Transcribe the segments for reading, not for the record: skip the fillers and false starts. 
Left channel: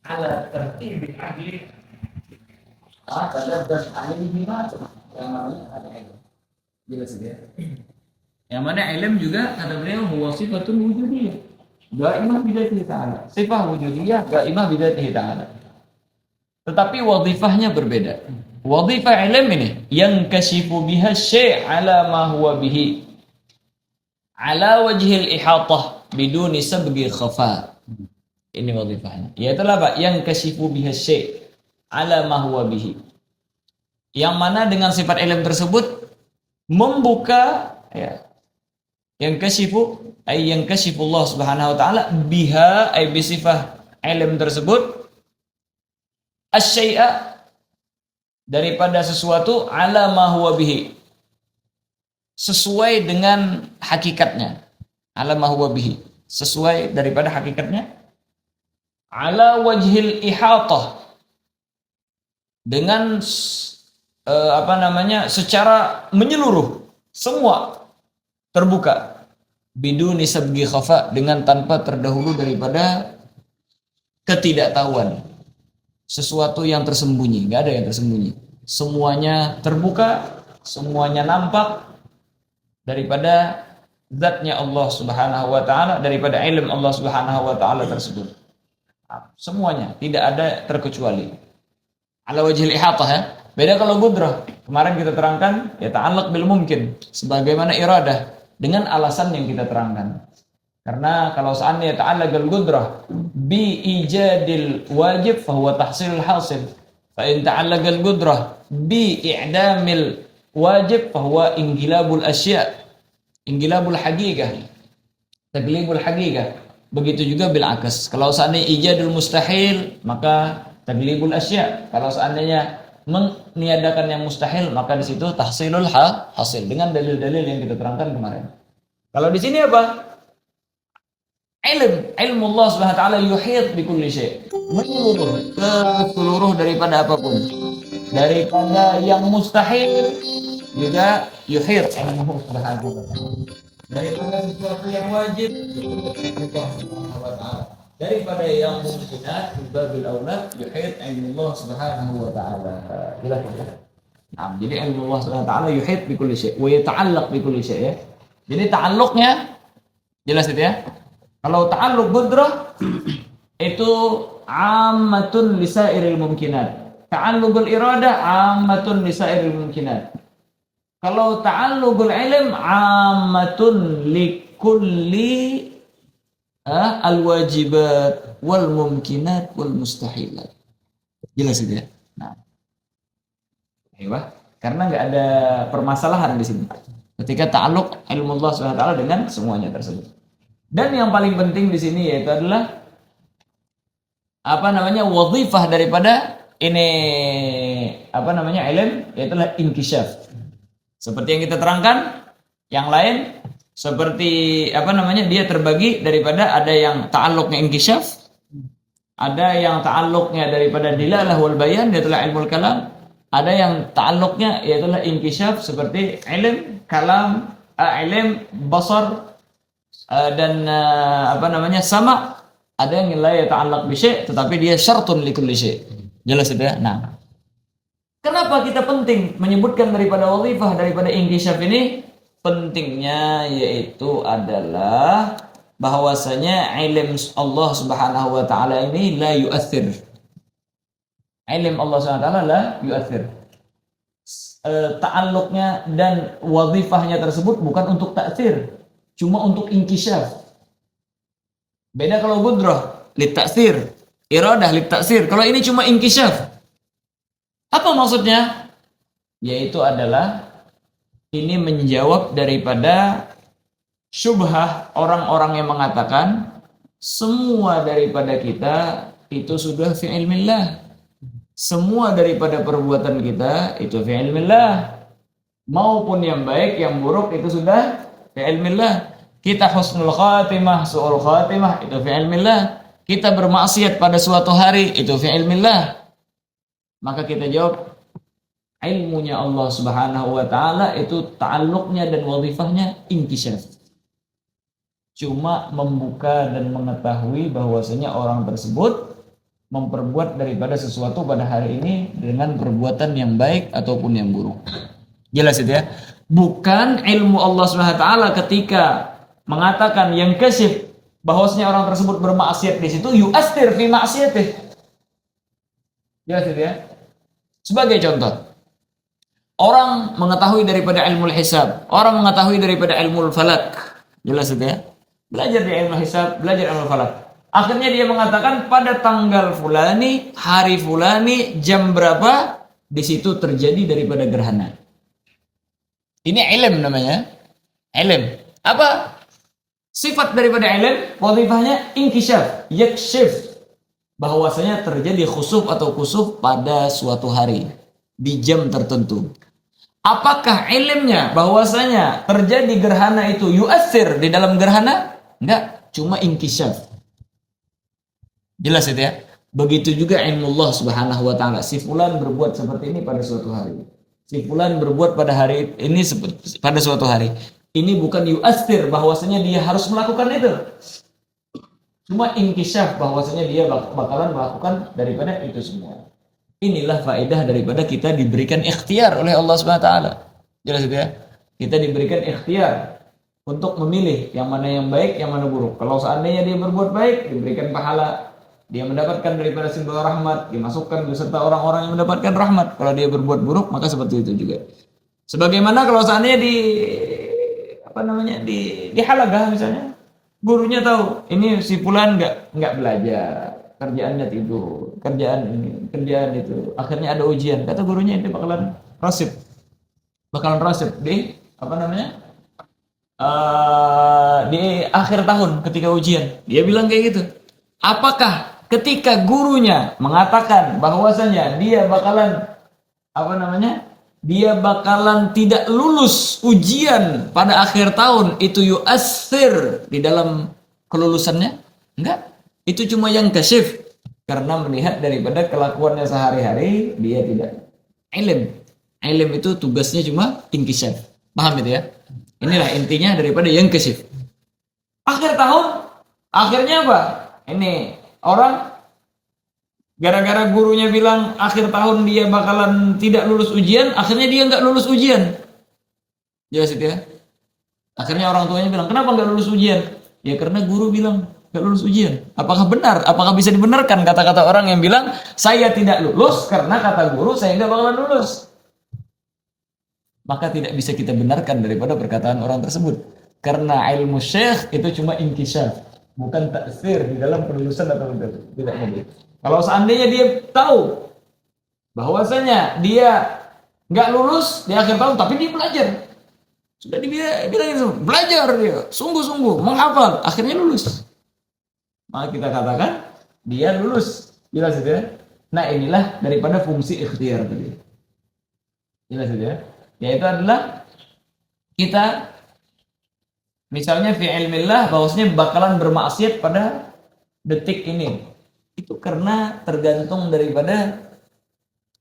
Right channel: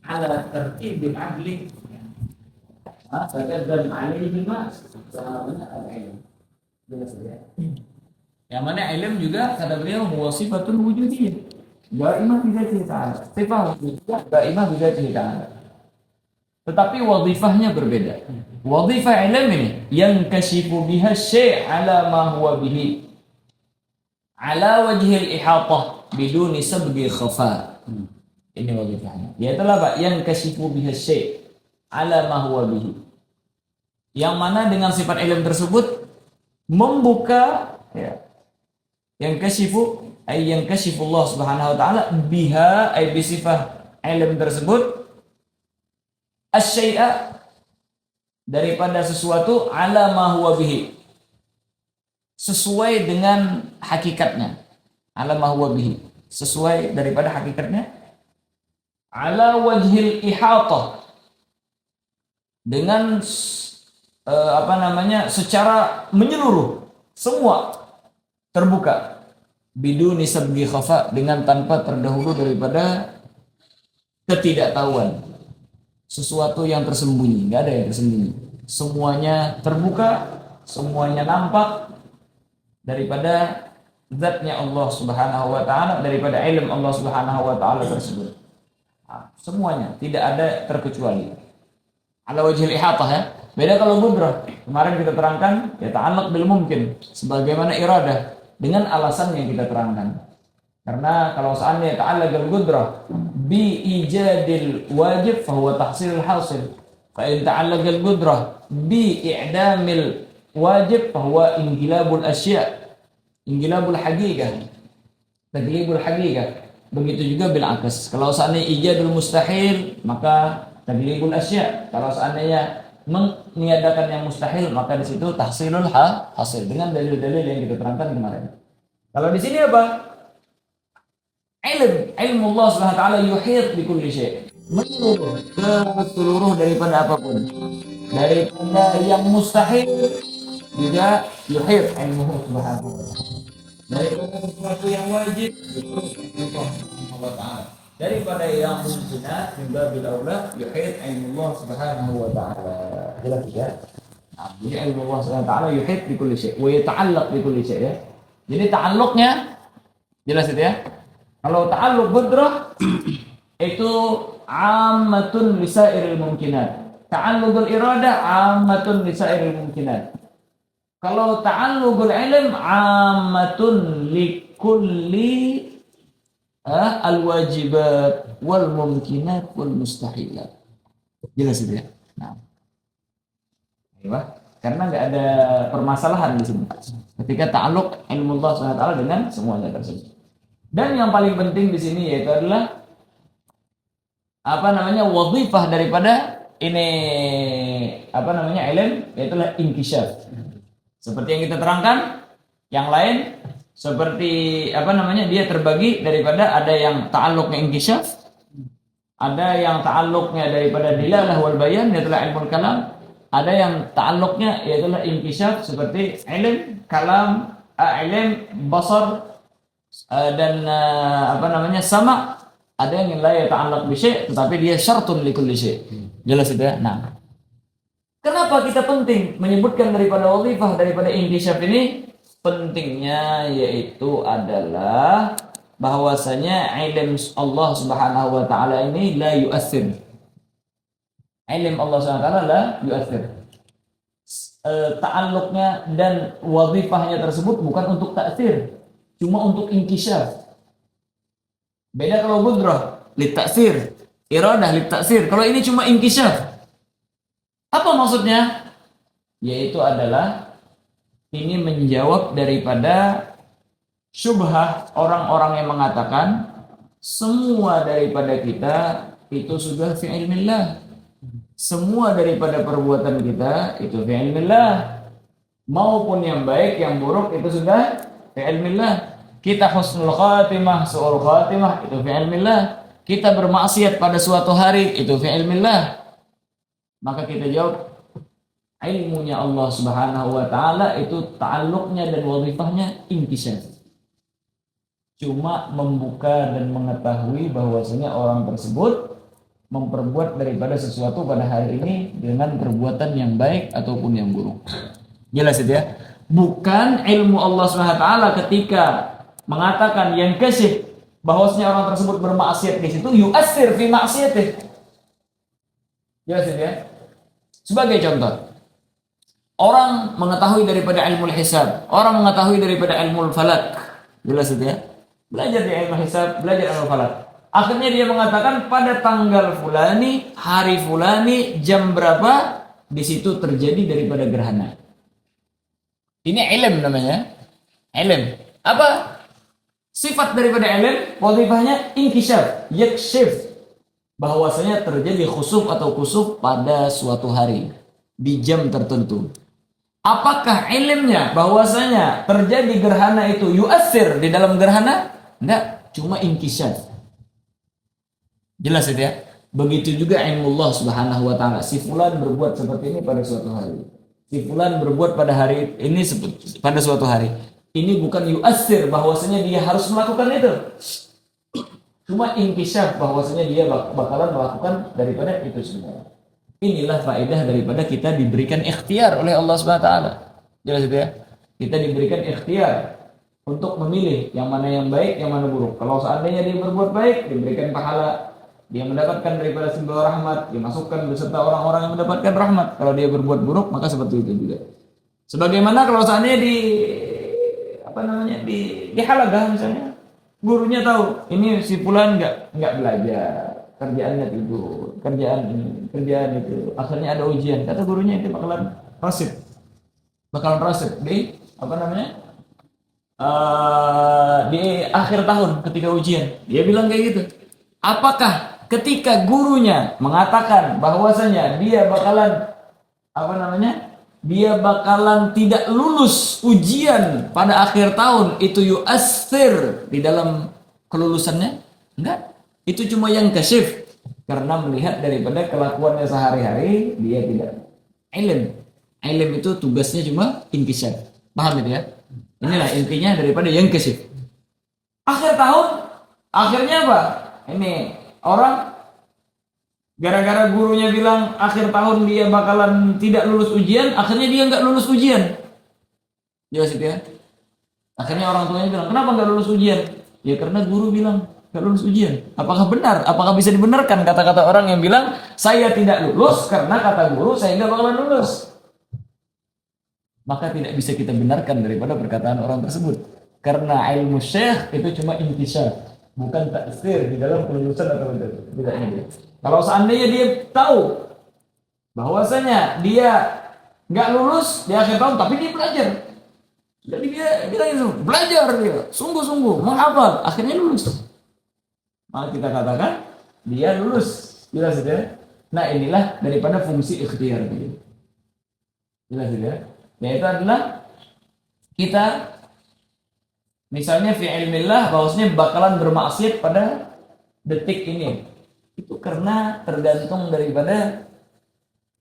ala tertibil adli pada dan alaihi ma namanya al-ilm. Jelas ya. Yang mana ilm juga kata beliau huwa sifatun wujudiyah. Gaimah bidatihi ta'ala. Sifat wujudiyah gaimah bidatihi ta'ala. Tetapi wadhifahnya berbeda. Wadhifah ilm ini yang kashifu biha syai' ala ma huwa bihi ala wajhil ihatah biduni sabghi khafa. Ini wadhifahnya. Yaitu apa? Yang kashifu biha syai' ala ma huwa bihi. Yang mana dengan sifat ilm tersebut membuka ya, yang kashifu ay yang kashifu Allah Subhanahu wa taala biha ay bi sifat ilm tersebut asy-syai'a daripada sesuatu ala ma huwa bihi sesuai dengan hakikatnya, ala ma huwa bihi sesuai daripada hakikatnya, ala wajhil ihatah dengan secara menyeluruh, semua terbuka, biduni sabghi khafa dengan tanpa terdahulu daripada ketidaktahuan, sesuatu yang tersembunyi, nggak ada yang tersembunyi, semuanya terbuka, semuanya nampak daripada zatnya Allah Subhanahu wa taala, daripada ilmu Allah Subhanahu wa taala tersebut. Semuanya tidak ada terkecuali. Ala wajhil ihatah ya. Beda kalau qudrah. Kemarin kita terangkan ya ta'allaq bil mumkin sebagaimana iradah dengan alasan yang kita terangkan. Karena kalau seandainya ta'allaq bil qudrah bi ijadil wajib fa huwa tahsilul hasil. Fa in ta'allaq bil qudrah bi i'damil wajib fa huwa inqilabul asya'. Inqilabul haqiqah. Taglibul haqiqah. Begitu juga bil akas. Kalau seandainya ijadul mustahil maka taglibul asya'. Kalau seandainya meniadakan yang mustahil maka di situ tahsilul hasil dengan dalil-dalil yang kita terangkan kemarin. Kalau di sini apa? Ilmu Allah Subhanahu wa taala yuhit bi kulli syai'. Menyeluruh ke seluruh daripada apapun. Daripada yang mustahil juga yuhit ilmu Subhanahu wa taala. Daripada sesuatu yang wajib itu Allah Subhanahu wa taala. Daripada yang mungkinat juga bilaula yuhit ilmu Allah Subhanahu wa taala. Jelas ya? Nah, jadi ilmu Allah Subhanahu wa taala yuhit bi kulli syai' wa yata'allaq bi kulli syai' ya. Jadi ta'alluqnya jelas itu ya. Kalau ta'alluq qudrah itu ammatun lisairil mumkinat. Ta'alluqul iradah ammatun lisairil mumkinat. Kalau ta'alluqul ilm ammatun likulli al-wajibat wal mumkinat wal mustahilat. Jelas itu ya. Nah, karena nggak ada permasalahan di sini. Ketika ta'alluq ilmu Allah SWT dengan semuanya tersebut. Dan yang paling penting di sini yaitu adalah wadhifah daripada ini ilm yaitu adalah inkishaf. Seperti yang kita terangkan, yang lain seperti dia terbagi daripada ada yang ta'alluqnya inkishaf, ada yang ta'alluqnya daripada dilalah wal bayan yaitu ilmu kalam, ada yang ta'alluqnya yaitu inkishaf seperti ilm kalam, ilm basar dan sama. Ada yang la ta'allaq bi syai' tetapi dia syartun li kulli syai'. Jelas itu ya. Nah, kenapa kita penting menyebutkan daripada wadhifah daripada inkishaf ini? Pentingnya yaitu adalah bahwasanya ilm Allah Subhanahu wa taala ini la yu'athir. Ilm Allah Subhanahu wa taala la yu'athir. Ta'alluqnya dan wadhifahnya tersebut bukan untuk ta'thir, cuma untuk inkishaf. Beda kalau qudrah lit ta'thir, iradah lit ta'thir. Kalau ini cuma inkishaf. Apa maksudnya? Yaitu adalah ini menjawab daripada syubhah orang-orang yang mengatakan semua daripada kita itu sudah fi ilmillah. Semua daripada perbuatan kita itu fi ilmillah. Maupun yang baik, yang buruk itu sudah fi ilmillah. Kita husnul khatimah, su'ul khatimah itu fi ilmillah. Kita bermaksiat pada suatu hari itu fi ilmillah. Maka kita jawab ilmunya Allah Subhanahu wa taala itu ta'alluqnya dan wadhifahnya inkishaf. cuma membuka dan mengetahui bahwasanya orang tersebut memperbuat daripada sesuatu pada hari ini dengan perbuatan yang baik ataupun yang buruk. Jelas itu ya. Bukan ilmu Allah SWT ketika mengatakan yang kasih bahwasanya orang tersebut bermaksiat di situ yu'athir fi maksiatih. Jelas itu ya. Sebagai contoh, orang mengetahui daripada ilmu hisab, orang mengetahui daripada ilmu falak. Jelas itu ya. Belajar di ilmu hisab, belajar ilmu falak. Akhirnya dia mengatakan pada tanggal fulani, hari fulani, jam berapa di situ terjadi daripada gerhana. Ini ilm namanya. Ilm. Apa? Sifat daripada ilm, wadhifahnya inkishaf, yakshif. Bahwasanya terjadi khusuf atau kusuf pada suatu hari di jam tertentu. Apakah ilmnya bahwasanya terjadi gerhana itu yu'athir di dalam gerhana? Enggak, cuma inkishaf. Jelas itu ya. Begitu juga ilmu Allah Subhanahu wa taala. Si fulan berbuat seperti ini pada suatu hari. Si fulan berbuat pada hari ini pada suatu hari. Ini bukan yu'athir bahwasanya dia harus melakukan itu. Cuma inkishaf bahwasanya dia bakalan melakukan daripada itu semua. Inilah faedah daripada kita diberikan ikhtiar oleh Allah Subhanahu wa taala. Jelas itu ya. Kita diberikan ikhtiar untuk memilih yang mana yang baik, yang mana buruk. Kalau seandainya dia berbuat baik, diberikan pahala. Dia mendapatkan daripada sebuah rahmat, dimasukkan beserta orang-orang yang mendapatkan rahmat. Kalau dia berbuat buruk, maka seperti itu juga. Sebagaimana kalau seandainya di halagah misalnya, gurunya tahu ini si fulan nggak belajar, kerjaannya tidur, kerjaan ini, kerjaan itu. Akhirnya ada ujian, kata gurunya itu bakalan rasib di di akhir tahun ketika ujian. Dia bilang kayak gitu. Apakah ketika gurunya mengatakan bahwasanya dia bakalan tidak lulus ujian pada akhir tahun, itu yu'athir di dalam kelulusannya? Enggak. Itu cuma yang kasif karena melihat daripada kelakuannya sehari-hari dia tidak ilm. Ilm itu tugasnya cuma inkishaf. Paham itu ya? Inilah intinya daripada yang kasif. Akhir tahun akhirnya apa? Ini orang gara-gara gurunya bilang akhir tahun dia bakalan tidak lulus ujian, akhirnya dia nggak lulus ujian. Jelas itu ya. Akhirnya orang tuanya bilang, kenapa nggak lulus ujian? Ya karena guru bilang nggak lulus ujian. Apakah benar? Apakah bisa dibenarkan kata-kata orang yang bilang saya tidak lulus karena kata guru saya nggak bakalan lulus? Maka tidak bisa kita benarkan daripada perkataan orang tersebut. Karena ilmu syekh itu cuma inkishaf, bukan taksir di dalam kelulusan atau tidaknya dia. Kalau seandainya dia tahu bahwasanya dia nggak lulus di akhir tahun, tapi dia belajar, sudah dibilang belajar dia, sungguh-sungguh menghafal, akhirnya lulus, maka kita katakan dia lulus. Jelas itu ya. Nah inilah daripada fungsi ikhtiar tadi. Jelas itu ya. Yaitu adalah kita misalnya fi ilmillah bahwasanya bakalan bermaksiat pada detik ini. Itu karena tergantung daripada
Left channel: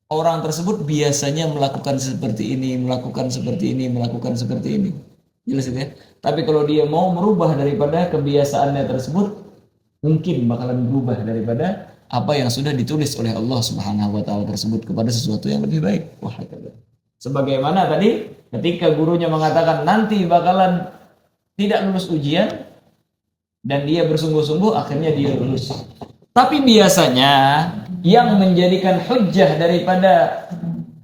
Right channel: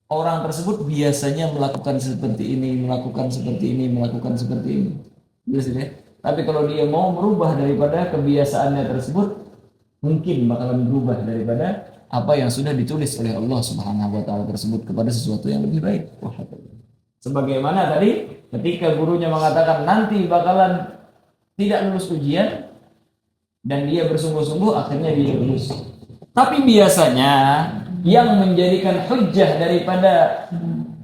orang tersebut biasanya melakukan seperti ini, melakukan seperti ini, melakukan seperti ini. Jelas itu ya. Tapi kalau dia mau merubah daripada kebiasaannya tersebut, mungkin bakalan berubah daripada apa yang sudah ditulis oleh Allah Subhanahu wa taala tersebut kepada sesuatu yang lebih baik. Sebagaimana tadi ketika gurunya mengatakan nanti bakalan tidak lulus ujian dan dia bersungguh-sungguh akhirnya dia lulus. Tapi biasanya yang menjadikan hujjah daripada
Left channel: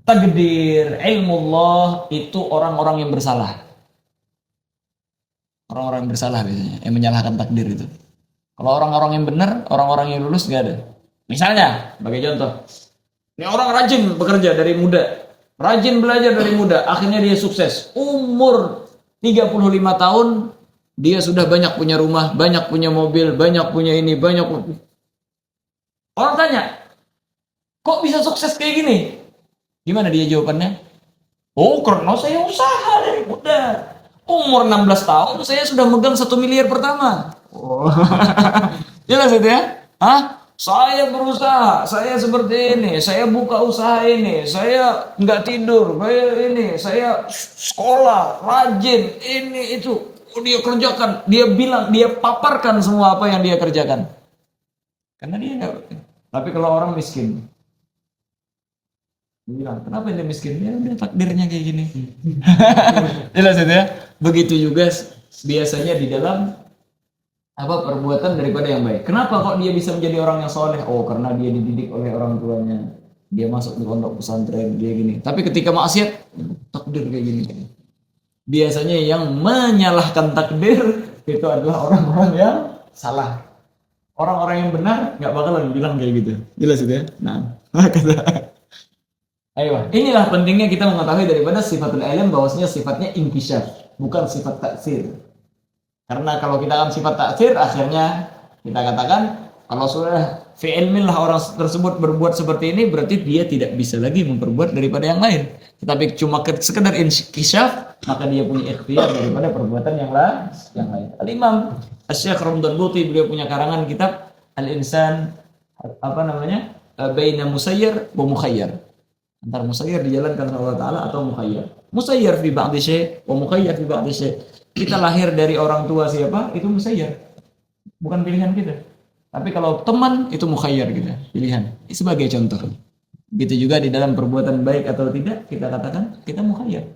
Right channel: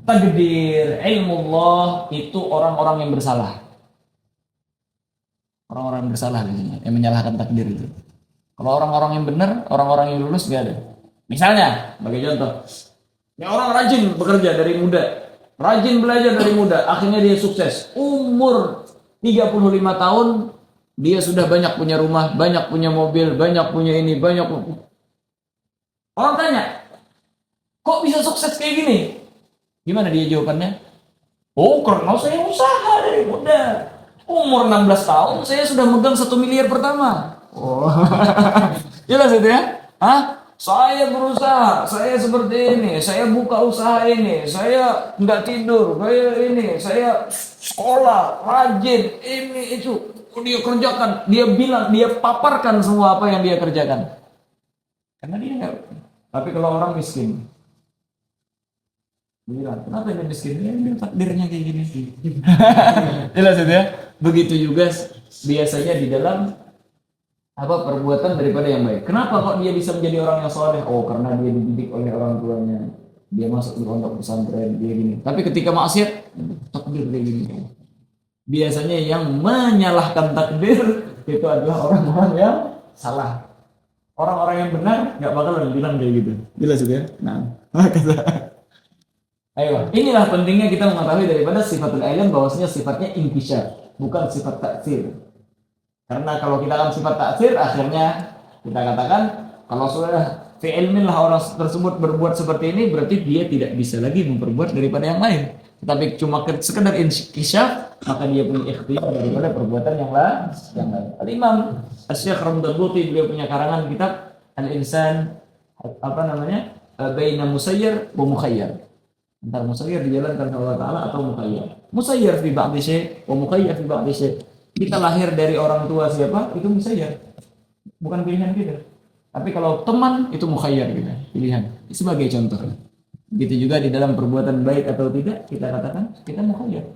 takdir ilmu Allah itu orang-orang yang bersalah. Orang-orang yang bersalah biasanya yang menyalahkan takdir itu. Kalau orang-orang yang benar, orang-orang yang lulus nggak ada. Misalnya, sebagai contoh, ini orang rajin bekerja dari muda, rajin belajar dari muda, akhirnya dia sukses. Umur 35 tahun, dia sudah banyak punya rumah, banyak punya mobil, banyak punya ini, banyak. Orang tanya, kok bisa sukses kayak gini? Gimana dia jawabannya? Oh, karena saya usaha dari muda. Umur 16 tahun, saya sudah megang 1 miliar pertama. Oh. Jelas itu ya? Hah? Saya berusaha, saya seperti ini, saya buka usaha ini, saya nggak tidur, saya ini, saya sekolah, rajin, ini itu. dia kerjakan, dia bilang, dia paparkan semua apa yang dia kerjakan. Karena dia enggak. Tapi kalau orang miskin, dia bilang, kenapa dia miskin? Ya udah takdirnya kayak gini. Jelas itu ya. Begitu juga biasanya di dalam apa perbuatan daripada yang baik. Kenapa kok dia bisa menjadi orang yang soleh? Oh, karena dia dididik oleh orang tuanya. Dia masuk di pondok pesantren, dia gini. Tapi ketika maksiat, takdir kayak gini. Biasanya yang menyalahkan takdir itu adalah orang-orang yang salah. Orang-orang yang benar nggak bakalan bilang kayak gitu. Jelas itu ya. Nah, kata. Ayo, inilah pentingnya kita mengetahui daripada sifatul ilm bahwasanya sifatnya inkishaf, bukan sifat taksir. Karena kalau kita akan sifat taksir, akhirnya kita katakan kalau sudah fi ilmillah orang tersebut berbuat seperti ini, berarti dia tidak bisa lagi memperbuat daripada yang lain. Tetapi cuma sekedar inkishaf, maka dia punya ikhtiar daripada perbuatan yang lain. Al-Imam Asy-Syaikh Ramdan Buti, beliau punya karangan kitab Al-Insan baina musayyar wa mukhayyar. Antara musayyar dijalankan oleh Allah Ta'ala atau mukhayyar. Musayyar fi ba'di syai' wa mukhayyar fi ba'di syai'. Kita lahir dari orang tua siapa? Itu musayyar. Bukan pilihan kita. Tapi kalau teman itu mukhayyar kita, pilihan. Sebagai contoh. Begitu juga di dalam perbuatan baik atau tidak, kita katakan kita mukhayyar.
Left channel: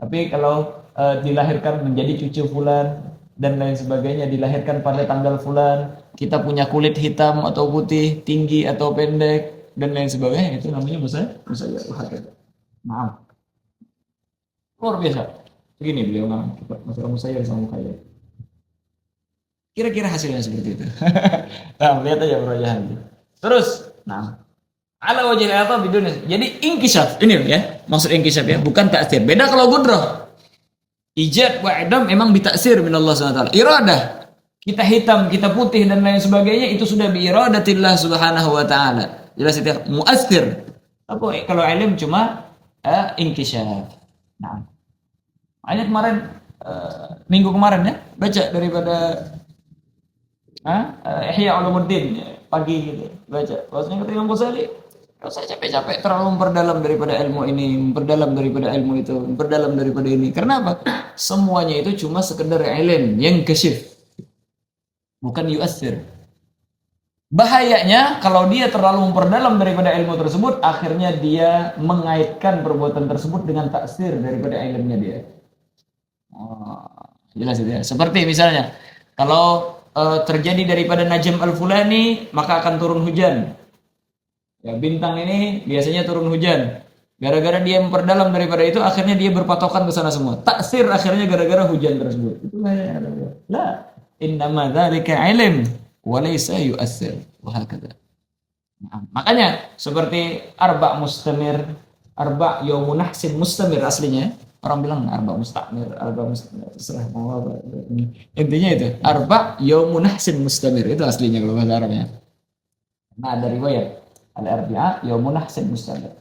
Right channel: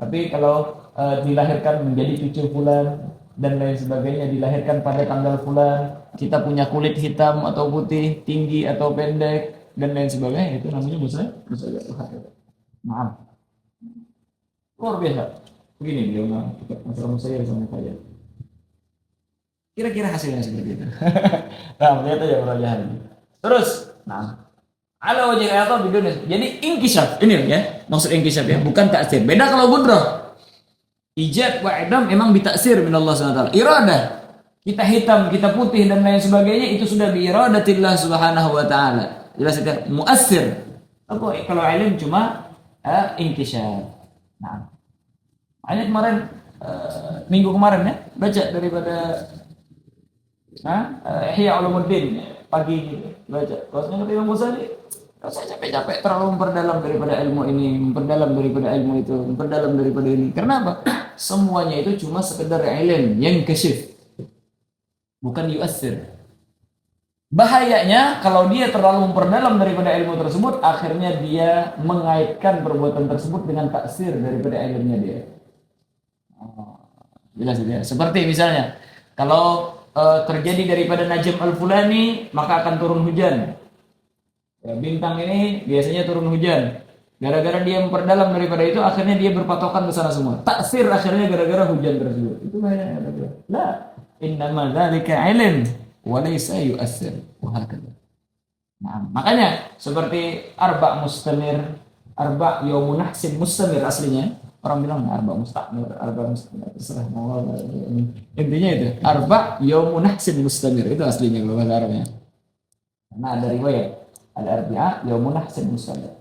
Tapi kalau dilahirkan menjadi cucu fulan dan lain sebagainya, dilahirkan pada tanggal fulan, kita punya kulit hitam atau putih, tinggi atau pendek dan lain sebagainya, itu namanya musayyar. Maaf. Luar biasa. Begini beliau masalah musayyar sama mukhayyar. Kira-kira hasilnya seperti itu. Nah, lihat aja perajahan. Terus, ala wajh ayat bidunya. Jadi inkishaf ini ya, maksud inkishaf ya, bukan taksir. Beda kalau gudrah. Ijab wa idam memang ditaksir min Allah SWT. Iradah. Kita hitam, kita putih dan lain sebagainya itu sudah bi iradatillah Subhanahu wa taala. Jelas itu muassir. Kalau ilmu cuma inkishaf. Nah, hanya kemarin minggu kemarin ya baca daripada Ihya Ulumuddin pagi gitu baca. Bahwasanya kata Imam Ghazali, kalau saya capek-capek terlalu memperdalam daripada ilmu ini, memperdalam daripada ilmu itu, memperdalam daripada ini. Karena apa? Semuanya itu cuma sekedar ilm yang kasyif, bukan yu'assir. Bahayanya kalau dia terlalu memperdalam daripada ilmu tersebut, akhirnya dia mengaitkan perbuatan tersebut dengan taksir daripada ilmunya dia. Jelas itu ya. Seperti misalnya, kalau terjadi daripada najm al-fulani, maka akan turun hujan. Ya, bintang ini biasanya turun hujan. Gara-gara dia memperdalam daripada itu, akhirnya dia berpatokan ke sana semua. Taksir akhirnya gara-gara hujan tersebut. Itu bahaya. La, innama dzalika ilm wa laysa yu'assir. Wa hakadha. Nah, makanya seperti arba mustamir, arba yaumun nahsin mustamir aslinya. Orang bilang arba mustamir, terserah mau apa. Intinya itu, arba yaumun nahsin mustamir itu aslinya kalau bahasa Arabnya. Karena ada riwayat, ada arbi'a yaumun nahsin mustamir.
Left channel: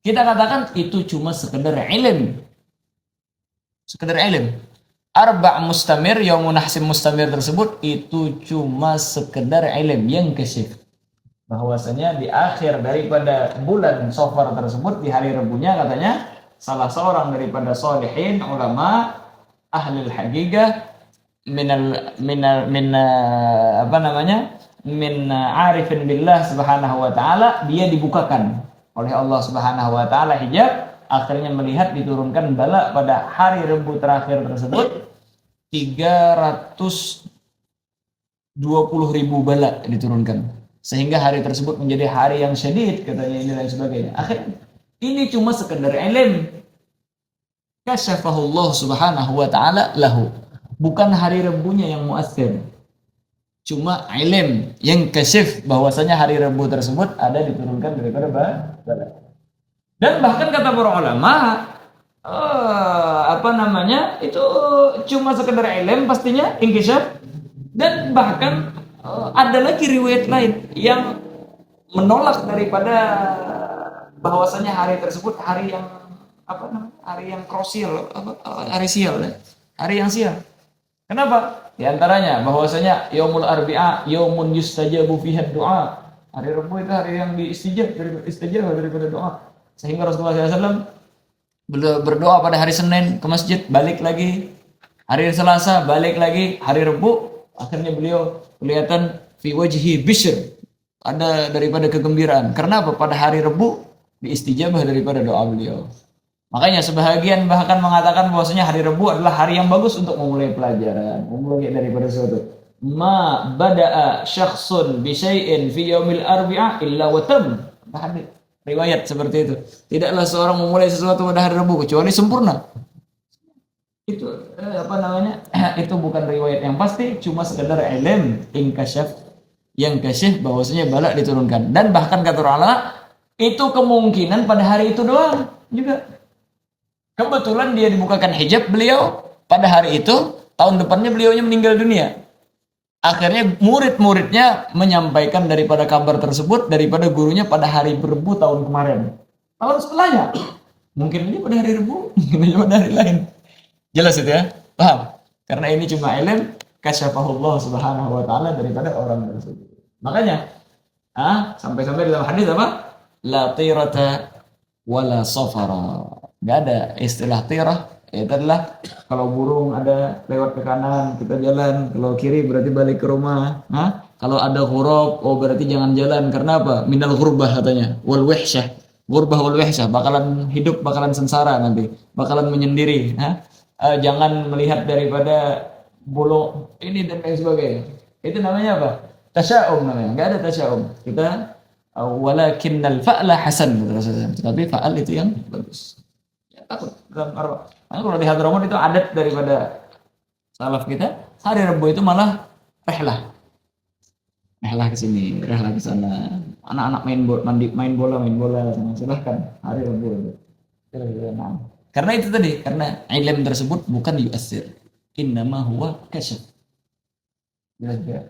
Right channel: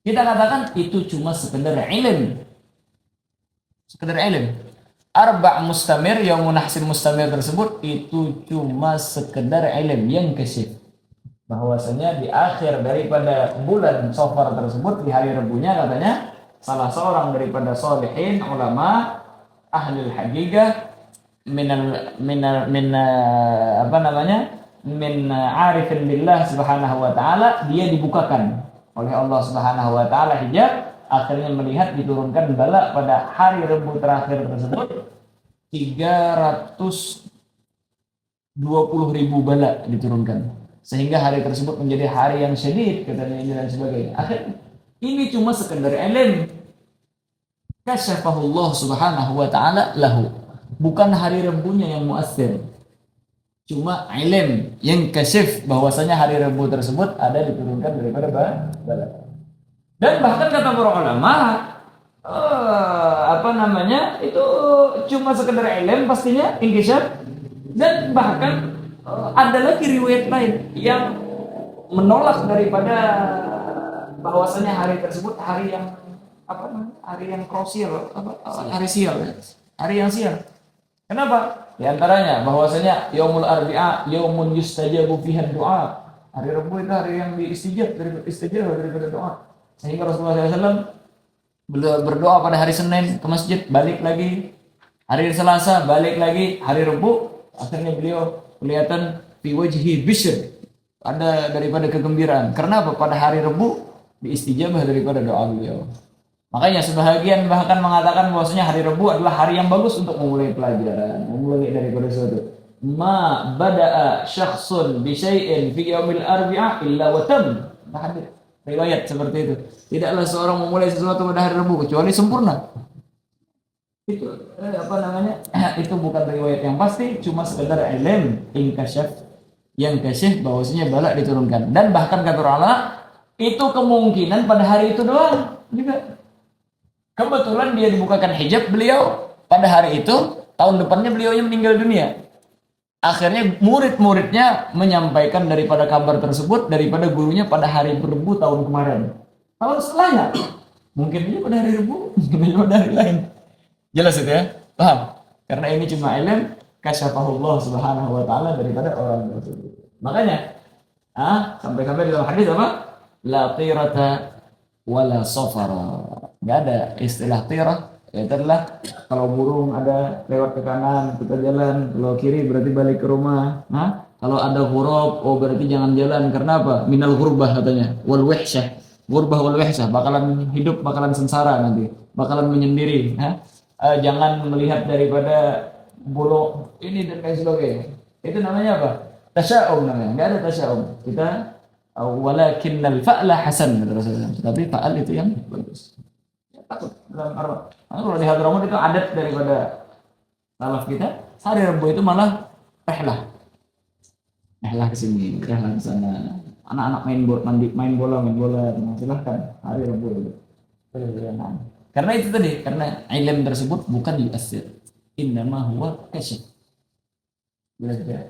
Kita katakan itu cuma sekedar ilm. Sekedar ilm. Arba' mustamir yaumun nahsin mustamir tersebut itu cuma sekedar ilm yang kasyif. Bahwasanya di akhir daripada bulan Safar tersebut, di hari Rebunya katanya salah seorang daripada solihin ulama ahli haqiqah min arifin billah subhanahu wa ta'ala, dia dibukakan oleh Allah subhanahu wa ta'ala hijab, akhirnya melihat diturunkan bala pada hari Rebu terakhir tersebut 320.000 bala diturunkan, sehingga hari tersebut menjadi hari yang syadid katanya ini dan sebagainya. Akhirnya ini cuma sekedar ilm kasyafahullah subhanahu wa ta'ala lahu, bukan hari Rebunya yang muassir, cuma ilm yang kasyif bahwasanya hari Rebu tersebut ada diturunkan daripada bala. Dan bahkan kata para ulama itu cuma sekedar ilm pastinya inkishaf. Dan bahkan ada lagi riwayat lain yang menolak daripada bahwasanya hari tersebut hari yang hari yang krusial, hari sial, hari yang sial. Kenapa? Di antaranya bahwasanya yaumul arbi'a yaumun yustajabu fiha du'a. Hari Rabu itu hari yang diistijab daripada doa. Sehingga Rasulullah SAW berdoa pada hari Senin ke masjid, balik lagi Hari Selasa balik lagi, hari Rabu akhirnya beliau kelihatan fi wajhi bishr, ada daripada kegembiraan. Karena apa? Pada hari Rabu diistijabah daripada doa beliau. Makanya sebahagian bahkan mengatakan bahwasanya hari Rabu adalah hari yang bagus untuk memulai pelajaran, memulai daripada sesuatu. Ma bada'a syakhsun bi syai'in fi yaumil arbi'ah illa wa tam. Hadis riwayat seperti itu. Tidaklah seorang memulai sesuatu pada hari Rabu kecuali sempurna. Itu apa namanya? Itu bukan riwayat yang pasti, cuma sekedar ilm inkasyaf yang kasyif bahwasanya balak diturunkan. Dan bahkan kata ulama itu kemungkinan pada hari itu doang juga. Kebetulan dia dibukakan hijab beliau pada hari itu, tahun depannya beliaunya meninggal dunia. Akhirnya murid-muridnya menyampaikan daripada kabar tersebut daripada gurunya pada hari Rebu tahun kemarin. Tahun setelahnya, mungkin aja pada hari Rebu, mungkin aja pada hari lain. Jelas itu ya? Paham? Karena ini cuma ilmu kasyafahullah subhanahu wa ta'ala daripada orang tersebut. Makanya, sampai-sampai di dalam hadis apa? La tirata wala safara. Nggak ada istilah tirah, itu adalah kalau burung ada lewat ke kanan kita jalan, kalau kiri berarti balik ke rumah. Kalau ada huruf, oh berarti jangan jalan. Karena apa? Minal ghurbah katanya, wal wihsyah. Ghurbah wal wihsyah, bakalan hidup, bakalan sengsara nanti, bakalan menyendiri. Jangan melihat daripada bulu ini dan lain sebagainya. Itu namanya apa? Tasya'um namanya. Nggak ada tasya'um. Kita walakinnal fa'la hasan, tapi fa'al itu yang bagus. Takut dalam arwah. Nah, kalau di Hadramaut itu adat daripada salaf kita, hari Rabu itu malah rehlah ke sini, rehlah ke sana. Anak-anak main bola, silahkan hari Rabu. Nah, karena itu tadi, karena ilm tersebut bukan yu'assir, innama huwa kasyaf.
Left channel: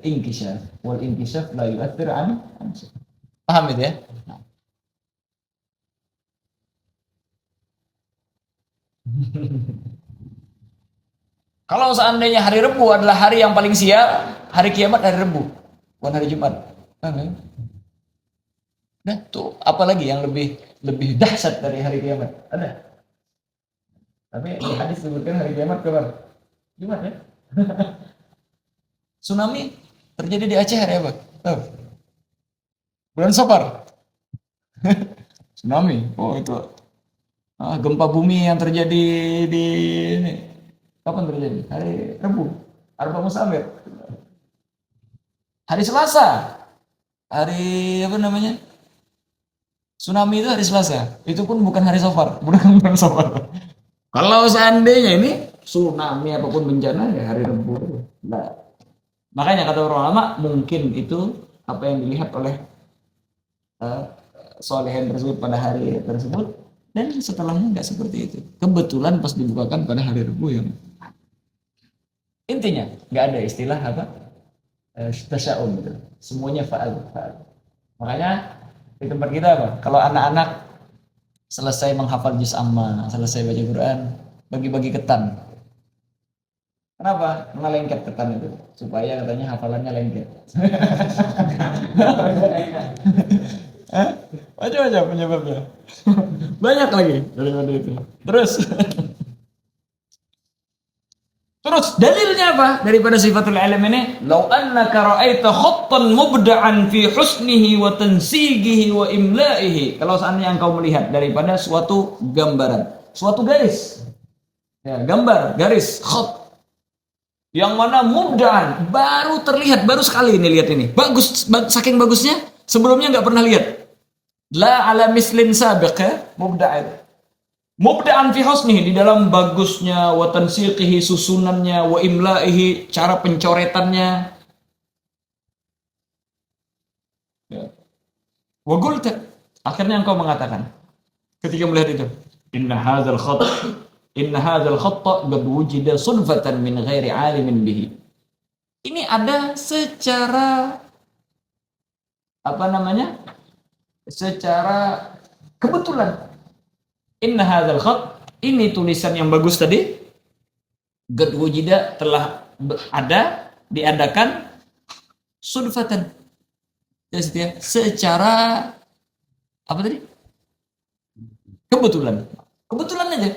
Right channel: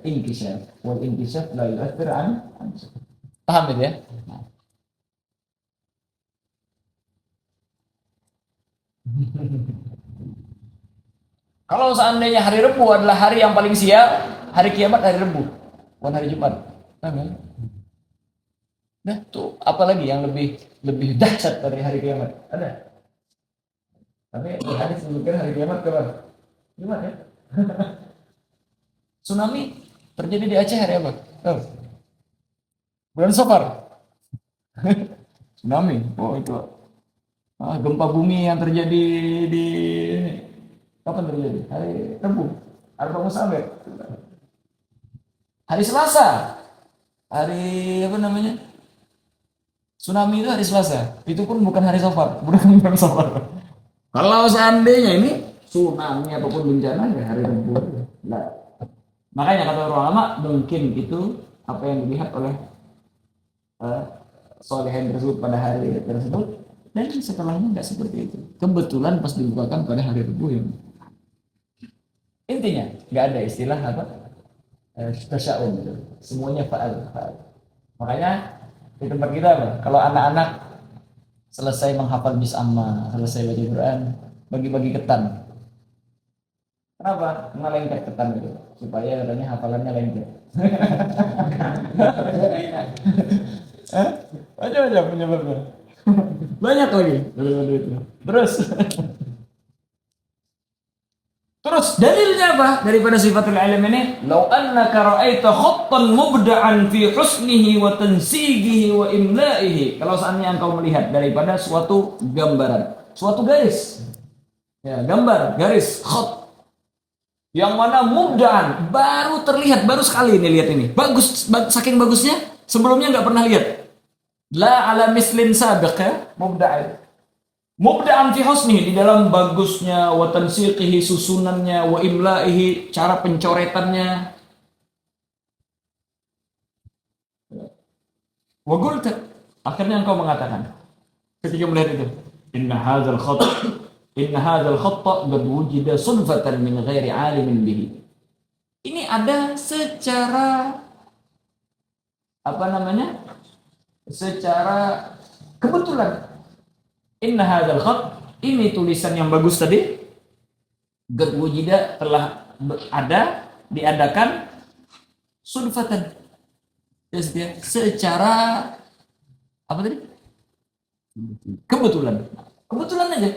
Inkishaf, wal inkishaf la yu'assir an. Paham itu ya? Nah. Kalau seandainya hari Rabu adalah hari yang paling sial, hari kiamat hari Rabu, bukan hari Jumat. Nah, tuh apalagi yang lebih dahsyat dari hari kiamat? Ada. Tapi di hadis disebutkan hari kiamat kapan? Jumat ya. Tsunami terjadi di Aceh hari apa? Bulan Safar. Tsunami. Oh itu. Gempa bumi yang terjadi di kapan terjadi? Hari Rabu. Arba Musabir. Hari Selasa. Hari apa namanya? Tsunami itu hari Selasa. Itu pun bukan hari Safar, bukan Safar. Kalau seandainya ini tsunami apapun bencana ya hari Rabu. Nah, makanya kata ulama mungkin itu apa yang dilihat oleh solehin tersebut pada hari tersebut, dan setelahnya nggak seperti itu. Kebetulan pas dibukakan pada hari Rabu ya. Intinya nggak ada istilah apa tasya'um gitu. Semuanya fa'al. Makanya di tempat kita apa? Kalau anak-anak selesai menghafal juz amma, selesai baca Quran, bagi-bagi ketan. Kenapa? Karena lengket ketan itu, supaya katanya hafalannya lengket. Macam-macam penyebabnya. Banyak lagi daripada itu. Terus dalilnya apa daripada sifatul ilm ini? Lau annaka ra'aita khattan mubda'an fi husnihi wa tansigihi wa imla'ihi. Kalau seandainya engkau melihat daripada suatu gambaran, suatu garis. Ya, gambar, garis, khat. Yang mana mubda'an, baru terlihat, baru sekali ini lihat ini. Bagus, saking bagusnya, sebelumnya enggak pernah lihat. La ala mislin sabiq ya, mubda'an fi husnihi, di dalam bagusnya, wa tansiqihi, susunannya, wa imla'ihi, cara pencoretannya. Ya. Wa qulta, akhirnya engkau mengatakan ketika melihat itu, inna hadzal khatta qad wujida sulfatan min ghairi alimin bihi. Ini ada secara apa namanya? Secara kebetulan. Inna hadzal khat, ini tulisan yang bagus tadi, qad wujida, telah ada, diadakan, sulfatan, secara apa tadi? Kebetulan aja.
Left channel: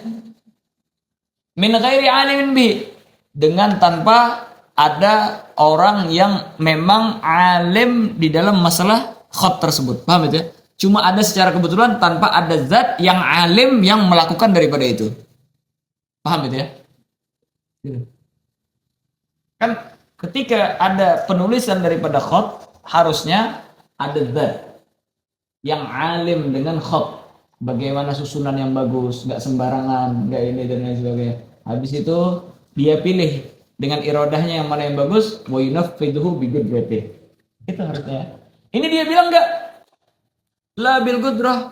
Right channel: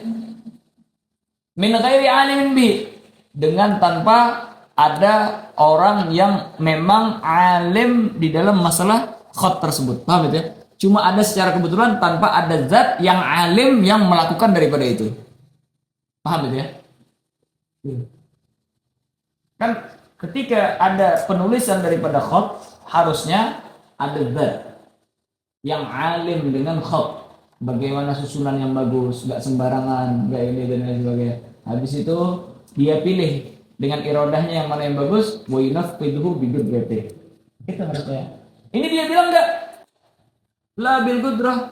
Min ghairi alimin bihi, dengan tanpa ada orang yang memang alim di dalam masalah khat tersebut. Paham itu ya? Cuma ada secara kebetulan tanpa ada zat yang alim yang melakukan daripada itu. Paham itu ya? Kan ketika ada penulisan daripada khat, harusnya ada zat yang alim dengan khat. Bagaimana susunan yang bagus, gak sembarangan, gak ini dan lain sebagainya. Habis itu dia pilih dengan irodahnya yang mana yang bagus, wa yunafidhu bi qudratihi. Itu harusnya. Ini dia bilang enggak, la bil qudrah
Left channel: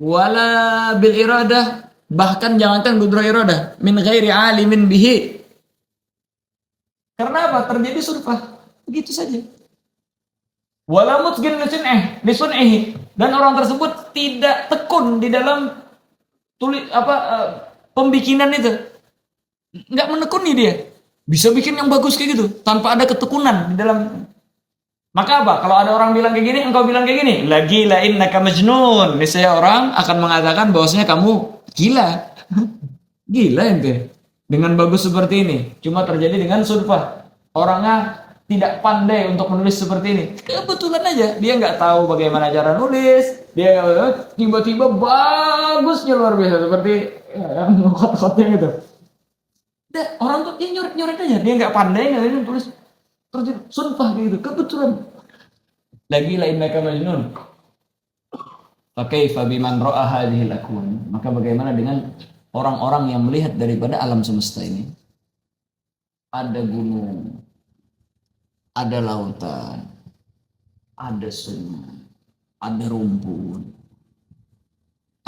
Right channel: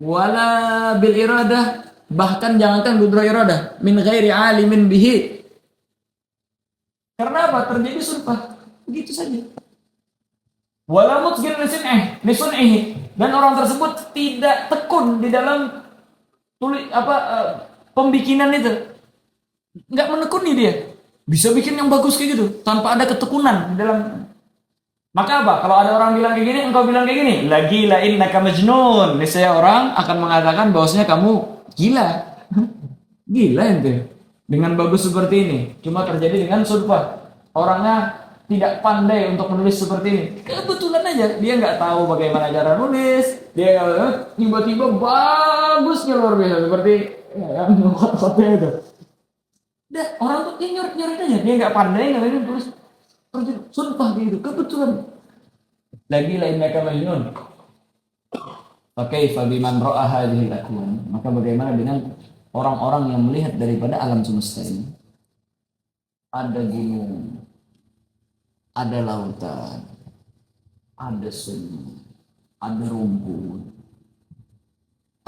wala bil iradah, bahkan jangankan qudrah iradah, min ghairi alimin bihi. Karena apa? Terjadi surfah. Begitu saja. Wala mutqin lisun'ihi, dan orang tersebut tidak tekun di dalam pembikinan itu. Enggak menekuni dia. Bisa bikin yang bagus kayak gitu tanpa ada ketekunan di dalam. Maka apa? Kalau ada orang bilang kayak gini, engkau bilang kayak gini, lagi la innaka majnun. Misalnya orang akan mengatakan bahwasanya kamu gila. Gila ente. Dengan bagus seperti ini, cuma terjadi dengan surfah. Orangnya tidak pandai untuk menulis seperti ini. Kebetulan aja dia nggak tahu bagaimana cara nulis. Dia tiba-tiba bagusnya luar biasa seperti yang itu. Orang tuh dia nyoret aja, dia nggak pandai nggak tulis terus sumpah gitu kebetulan. Lagi lain mereka majnun. Fakaifa biman ra'a hadhil akwan. Maka bagaimana dengan orang-orang yang melihat daripada alam semesta ini? Ada gunung, ada lautan, ada sungai, ada rumput,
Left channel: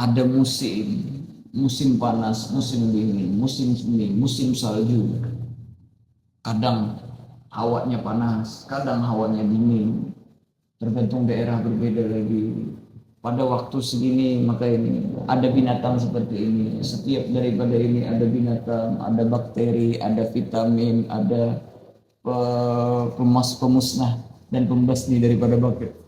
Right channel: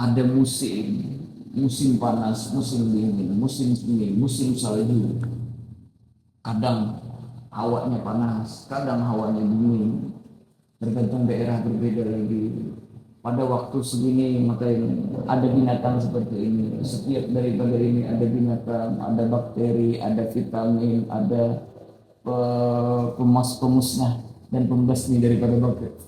ada musim panas, musim dingin, musim semi, musim salju. Kadang hawanya panas, kadang hawanya dingin, tergantung daerah berbeda lagi. Pada waktu segini maka ini ada binatang seperti ini. Setiap daripada ini ada binatang, ada bakteri, ada vitamin, ada pemusnah dan pembasmi daripada bakteri.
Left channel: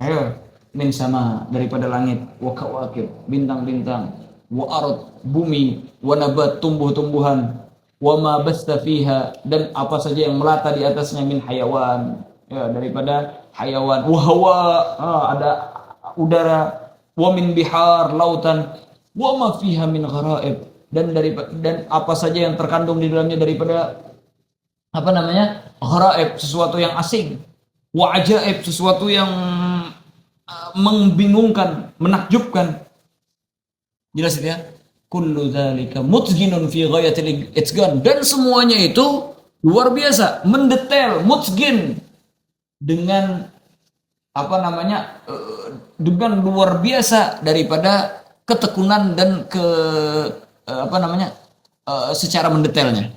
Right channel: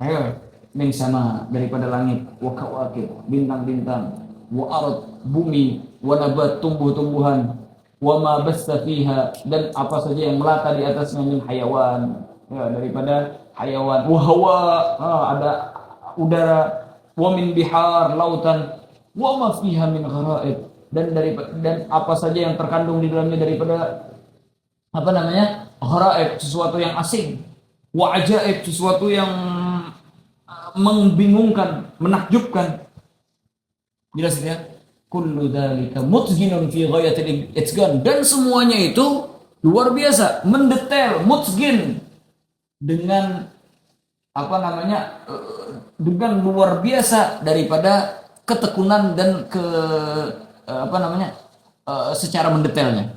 Ayo, min sama daripada langit, wa kawakib, bintang-bintang, wa ard, bumi, wa nabat, tumbuh-tumbuhan, wa ma basta fiha, dan apa saja yang melata di atasnya min hayawan, ya, daripada hayawan, wa hawa, ada udara, wa min bihar, lautan, wa ma fiha min gharaib, dan apa saja yang terkandung di dalamnya daripada gharaib, sesuatu yang asing, wa ajaib, sesuatu yang membingungkan, menakjubkan. Jelas itu ya? Kullu dzalika mutghinun fi ghayatil itqan, dan semuanya itu luar biasa, mendetail, mutghin, dengan dengan luar biasa daripada ketekunan dan secara mendetailnya.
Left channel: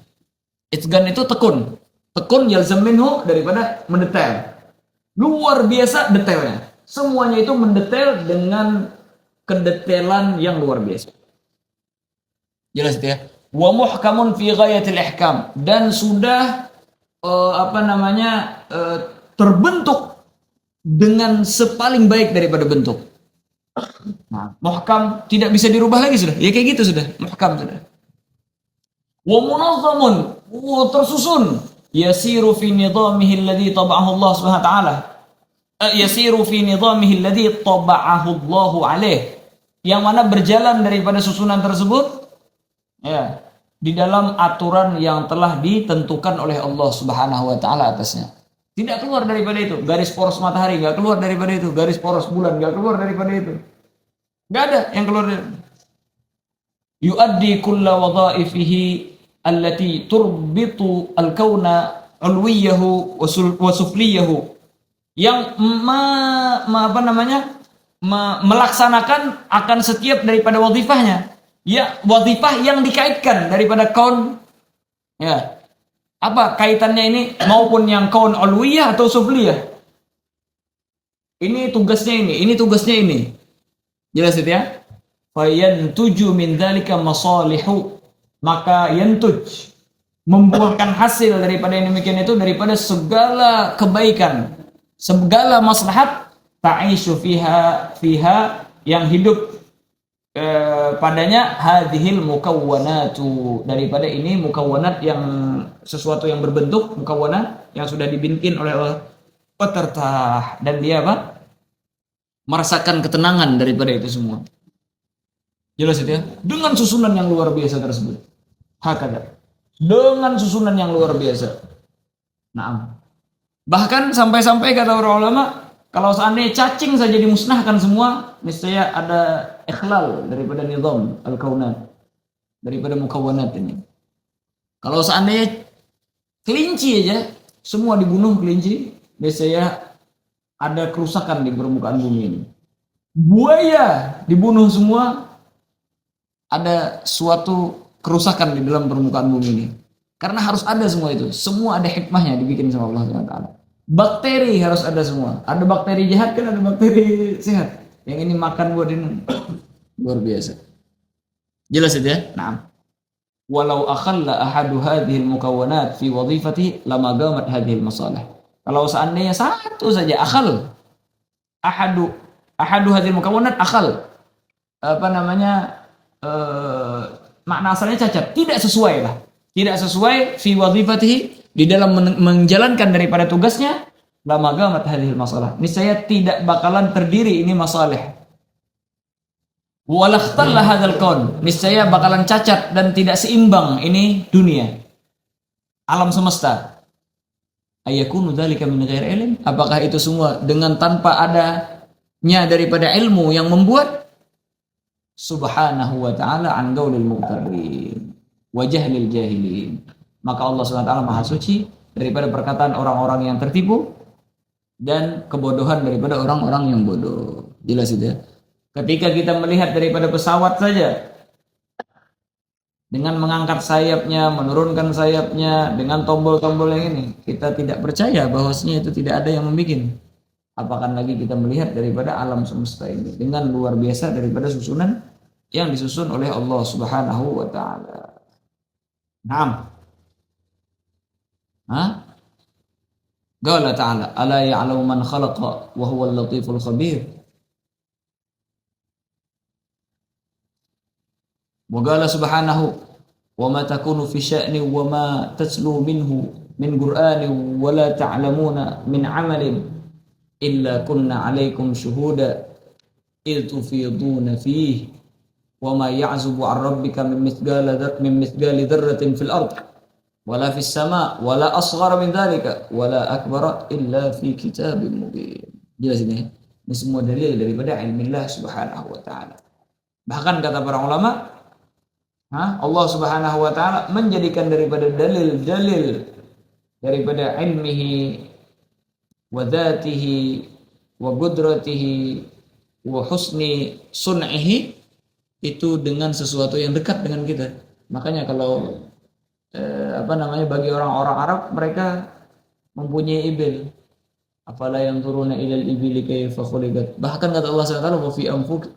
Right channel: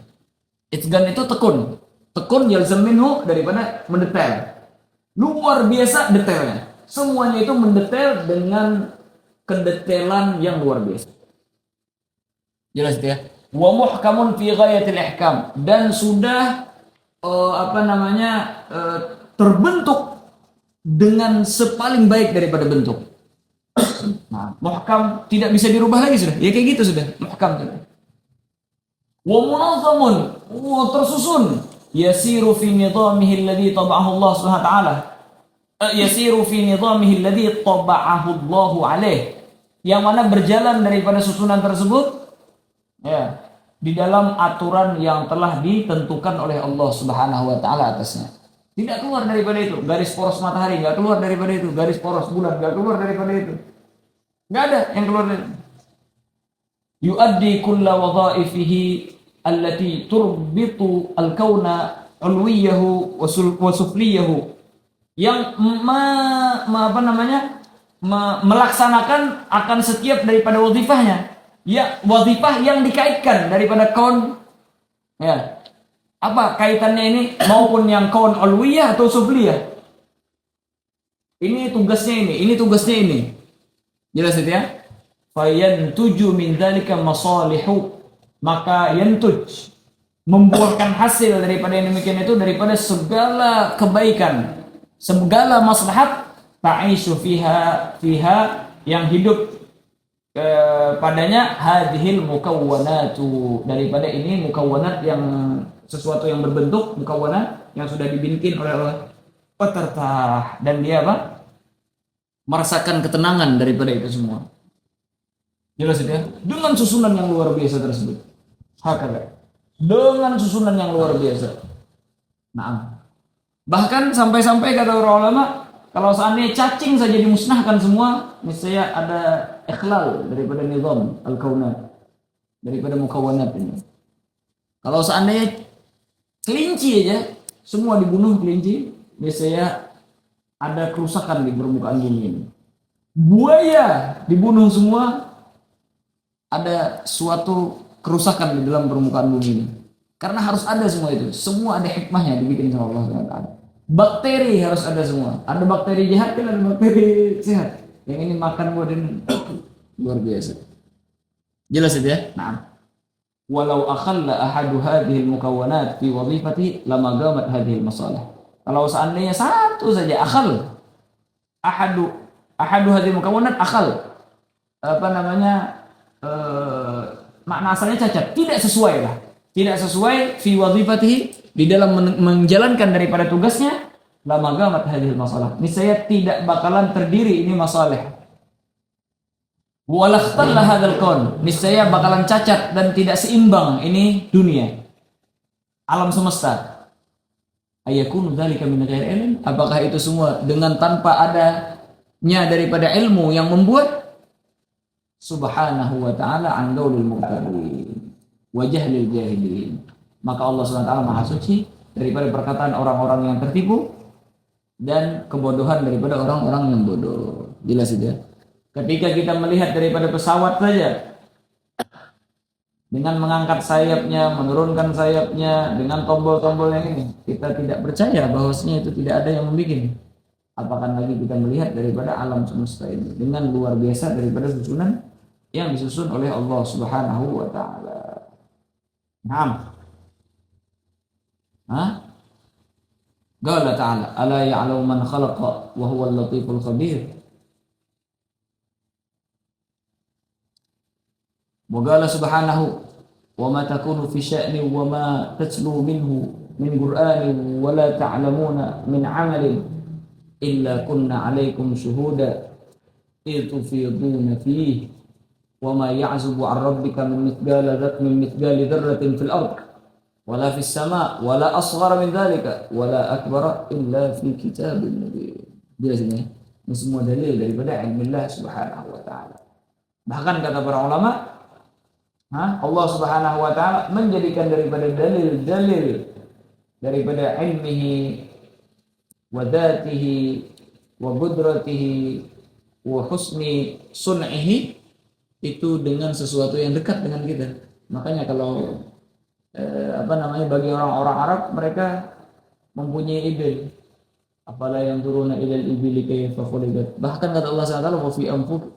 Itqan itu tekun yalzam minhu daripada mendetail. Luar biasa detailnya. Semuanya itu mendetail dengan kedetailan yang luar biasa. Jelas ya? Wa muhkamun fi ghayatil ihkam, dan sudah terbentuk dengan sepaling baik daripada bentuk. Nah, muhkam tidak bisa dirubah lagi sudah. Ya kayak gitu sudah. Muhkam sudah. Wa munazzamun, tersusun. Yasiru fi nidamihi alladhi taba'ahu Allah Subhanahu wa ta'ala. Yasiru fi nidamihi alladhi taba'ahu Allah alaih. Yang mana berjalan daripada susunan tersebut ya, di dalam aturan yang telah ditentukan oleh Allah Subhanahu wa ta'ala atasnya. Tidak keluar daripada itu. Garis poros matahari enggak keluar daripada itu. Garis poros bulan enggak keluar daripada itu. Enggak ada yang keluar dari itu. Yuaddi kulla wadha'ifihi allati turbitu al-kauna ulwiyahu wa sufliyahu, yang melaksanakan akan setiap daripada wadhifahnya. Ya, wadhifah yang dikaitkan daripada kaun. Ya. Apa kaitannya ini, maupun yang kaun ulwiyah atau sufliyah? Ini tugasnya ini tugasnya ini. Jelas itu ya? Fayantuju min dzalika masalihu, maka yantuj, membuahkan hasil daripada yang demikian itu, daripada segala kebaikan, segala maslahat, ta'ishu fiha, yang hidup padanya hadhil mukawwanatu, daripada ini mukawwanat yang sesuatu yang berbentuk mukawwanat yang sudah dibikin oleh Allah, petertah, dan dia apa? Merasakan ketenangan daripada itu semua. Jelas itu ya? Dengan susunan yang luar biasa tersebut. Hakada. Dengan susunan yang luar biasa. Nah, bahkan sampai-sampai kata para ulama, kalau seandainya cacing saja dimusnahkan semua, niscaya ada ikhlal daripada nizam al-kaunat, daripada mukawwanat ini. Kalau seandainya kelinci aja semua dibunuh kelinci, niscaya ada kerusakan di permukaan bumi ini. Buaya dibunuh semua, ada suatu kerusakan di dalam permukaan bumi ini. Karena harus ada semua itu. Semua ada hikmahnya dibikin sama Allah SWT. Bakteri harus ada semua. Ada bakteri jahat kan, ada bakteri sehat. Yang ini makan buat ini luar biasa. Jelas itu ya? Nah. Walau akhalla ahadu hadhil mukawwanat fi wadhifati lama gamat hadhil masalah. Kalau seandainya satu saja akhal, ahadu hadhil mukawwanat akhal, apa namanya, makna asalnya cacat, tidak sesuai lah, tidak sesuai fi wadhifatihi, di dalam menjalankan daripada tugasnya, lama gamat hadhil masalah, niscaya tidak bakalan terdiri ini masalah. Walakhtallah hadzal kaun, niscaya bakalan cacat dan tidak seimbang ini dunia, alam semesta. Ayakunu dzalika min ghairi ilm, apakah itu semua dengan tanpa adanya daripada ilmu yang membuat? Subhanahu wa ta'ala an qaulil mubtarin wa jahlil jahilin. Maka Allah SWT Maha suci daripada perkataan orang-orang yang tertipu dan kebodohan daripada orang-orang yang bodoh. Jelas itu ya? Ketika kita melihat daripada pesawat saja, dengan mengangkat sayapnya, menurunkan sayapnya, dengan tombol-tombol yang ini, kita tidak percaya bahwasanya itu tidak ada yang membuat. Apakah lagi kita melihat daripada alam semesta ini dengan luar biasa daripada susunan yang disusun oleh Allah Subhanahu wa taala. Naam. Qala ta'ala, ala ya'lamu man khalaqa wa huwal latiful khabir. Waqala subhanahu wa ma takunu fi sya'ni wa ma tatlu minhu min qur'anin wa la ta'lamuna min 'amalin illa kunna 'alaikum syuhuda idh tufiduna fihi wa ma ya'zubu 'an rabbika min mithqali dzarratin fil ardh wa la fis sama' wa la asghara min dzalika wa la akbara illa fi kitabim mubin. Jelas ini semua dalil daripada ilmillah subhanahu wa ta'ala. Bahkan kata para ulama, Allah Subhanahu wa taala menjadikan daripada dalil-dalil daripada ilmihi wa dzatihi wa qudratihi wa husni sun'ihi itu dengan sesuatu yang dekat dengan kita. Makanya kalau bagi orang-orang Arab, mereka mempunyai ibil. Afala yang turuna ilal ibili kayfa khuliqat. Bahkan kata Allah SWT,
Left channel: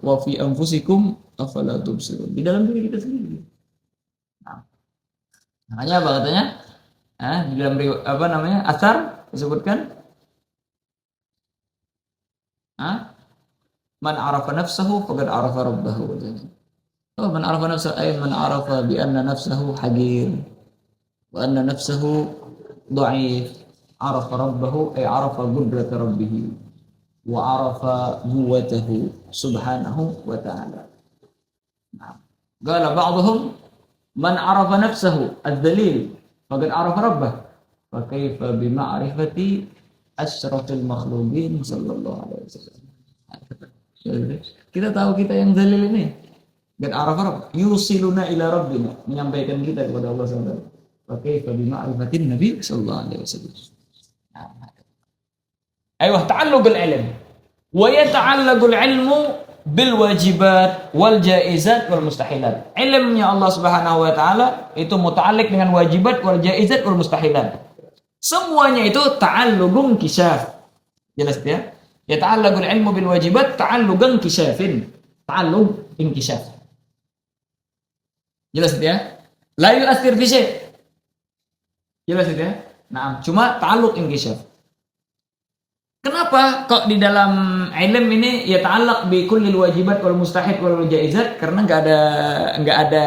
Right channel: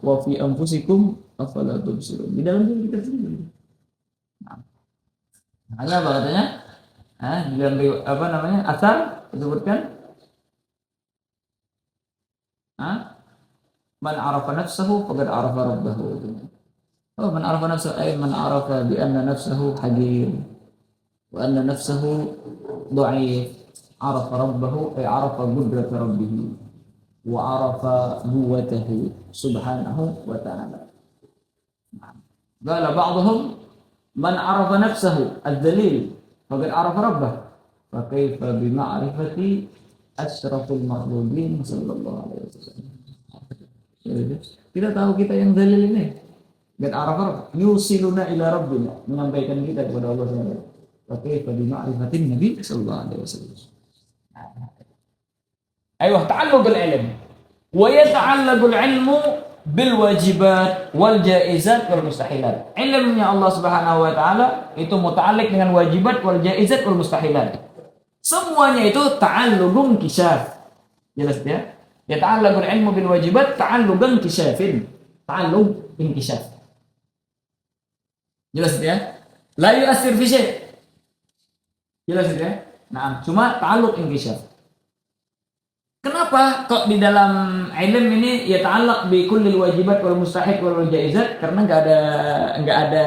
wa fi anfusikum afala tubsirun. Di dalam diri kita sendiri. Nah, makanya apa katanya? Di dalam asar disebutkan man arafa nafsahu faqad arafa rabbahu. Oh, man arafa nafsahu ay man arafa bi anna nafsahu hagir wa anna nafsahu dha'if. Arafa rabbahu ay arafa qudrata rabbih wa arafa quwwatahu subhanahu wa ta'ala. Qala ba'dhum man arafa nafsahu ad-dalil faqad arafa rabbah fa kaifa bi ma'rifati asyrafil makhluqin sallallahu alaihi wasallam. Kita tahu kita yang dalil ini. Qad arafa rabb yusiluna ila rabbina, menyampaikan kita kepada Allah SWT. Fa kaifa bi ma'rifatin nabi sallallahu alaihi wasallam. Ayuh ta'alluqul ilm wa yata'allaqul ilmu bil wajibat wal jaizat wal mustahilat. Ilmunya Allah Subhanahu wa taala itu muta'alliq dengan wajibat wal jaizat wal mustahilat. Semuanya itu ta'alluqun kisyaf. Jelas ya? Ya ta'allaqul ilmu bil wajibat ta'alluqan kisyafin. Ta'alluq inkisyaf. Jelas ya? La yu'athir fi syai'. Jelas ya? Nah, cuma ta'alluq inkisyaf. Kenapa kok di dalam ilm ini ya ta'allaq bi kullil wajibat wal mustahid wal jaizat? Karena nggak ada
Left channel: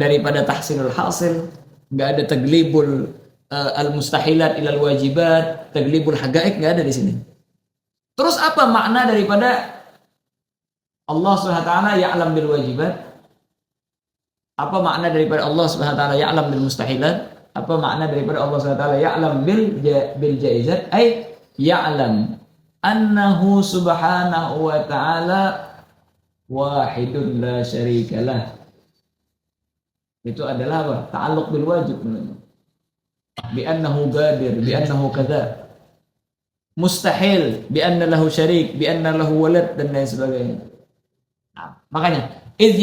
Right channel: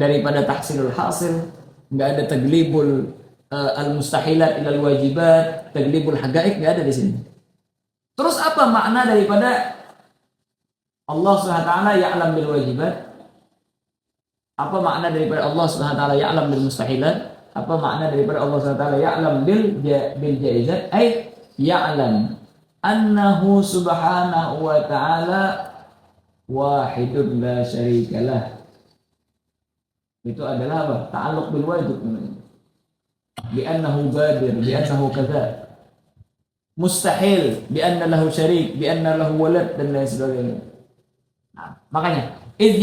daripada tahsilul hasil, nggak ada taglibul al mustahilat ilal wajibat, taglibul hagaik, nggak ada di sini. Terus apa makna daripada Allah Subhanahu wa taala ya'lam bil wajibat? Apa makna daripada Allah Subhanahu wa taala ya'lam bil mustahilat? Apa makna daripada Allah Subhanahu wa taala ya'lam bil jaizat? Ay ya'lam annahu subhanahu wa ta'ala wahidun la syarikalah. Itu adalah apa? Ta'alluq bil wajib. Bi annahu gadir, bi annahu kadza. Mustahil, bi anna lahu syarik, bi anna lahu walad dan lain sebagainya. Nah, makanya idh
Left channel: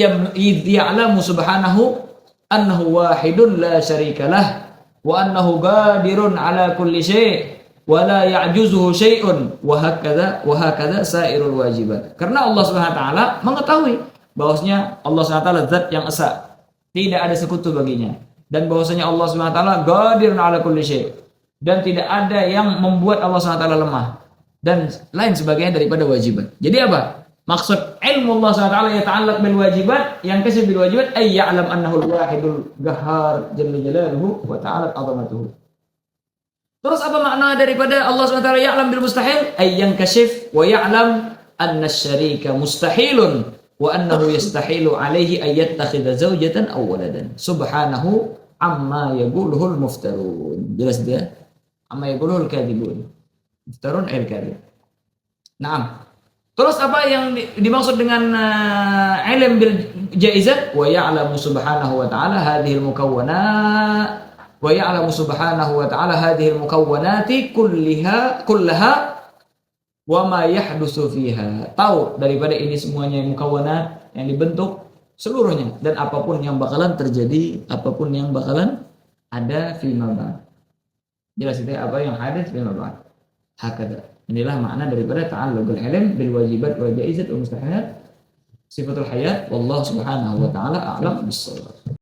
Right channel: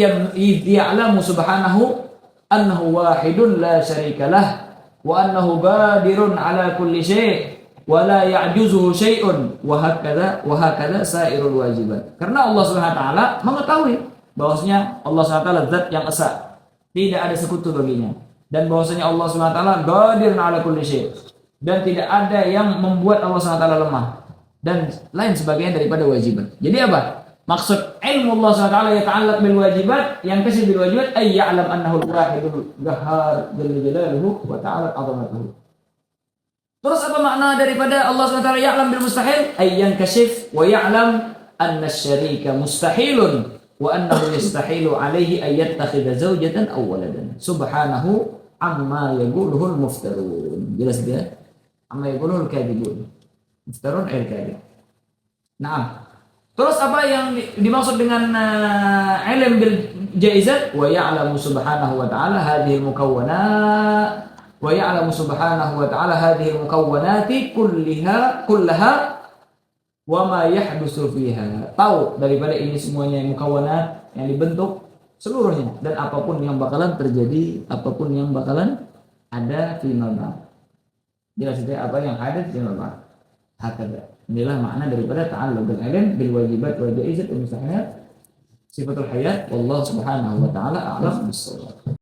ya'lamu subhanahu annahu wahidun la syarikalah wa annahu gadirun ala kulli syai' wala ya'juzuhu syai'un wa hakadha sairul wajibat. Karena Allah Subhanahu wa taala mengetahui bahwasanya Allah Subhanahu wa taala zat yang esa, tidak ada sekutu baginya, dan bahwasanya Allah Subhanahu wa taala qadirun ala kulli syai', dan tidak ada yang membuat Allah Subhanahu wa taala lemah dan lain sebagainya daripada wajibat. Jadi apa? Maksud ilmu Allah Subhanahu wa taala yata'allaq bil wajibat, yang kasih bil wajibat ay ya'lam annahu al-wahidul qahhar jalla jalaluhu wa ta'ala 'azamatuhu. Terus apa makna daripada Allah SWT ya'lam bil mustahil? Ayyan kashif wa ya'lam anna syarika mustahilun wa annahu yastahilu alaihi ayyattakhidha zawjatan aw waladan. Subhanahu amma yaquluhul muftarun. Jelas dia? Amma yaquluhul kadhibun. Muftarun ayat kadhib. Naam. Terus apa yang dimaksud dengan ilm bil jaizat? Wa ya'lamu subhanahu wa ta'ala hadhil mukawwanat wa ya'lamu subhanahu wa ta'ala hadhil mukawwanati kullaha wa ma yahdutsu fiha. Tahu daripada ini semuanya mukawwanat yang dibentuk seluruhnya, dan apapun yang bakalan terjadi, apapun yang bakalan ada fi ma. Jelas itu apa yang ada fi ma. Hakada. Inilah makna daripada ta'alluqul ilm bil wajibat wal jaizat wal mustahilat sifatul hayat. Wallahu subhanahu wa ta'ala a'lam bis-shawab.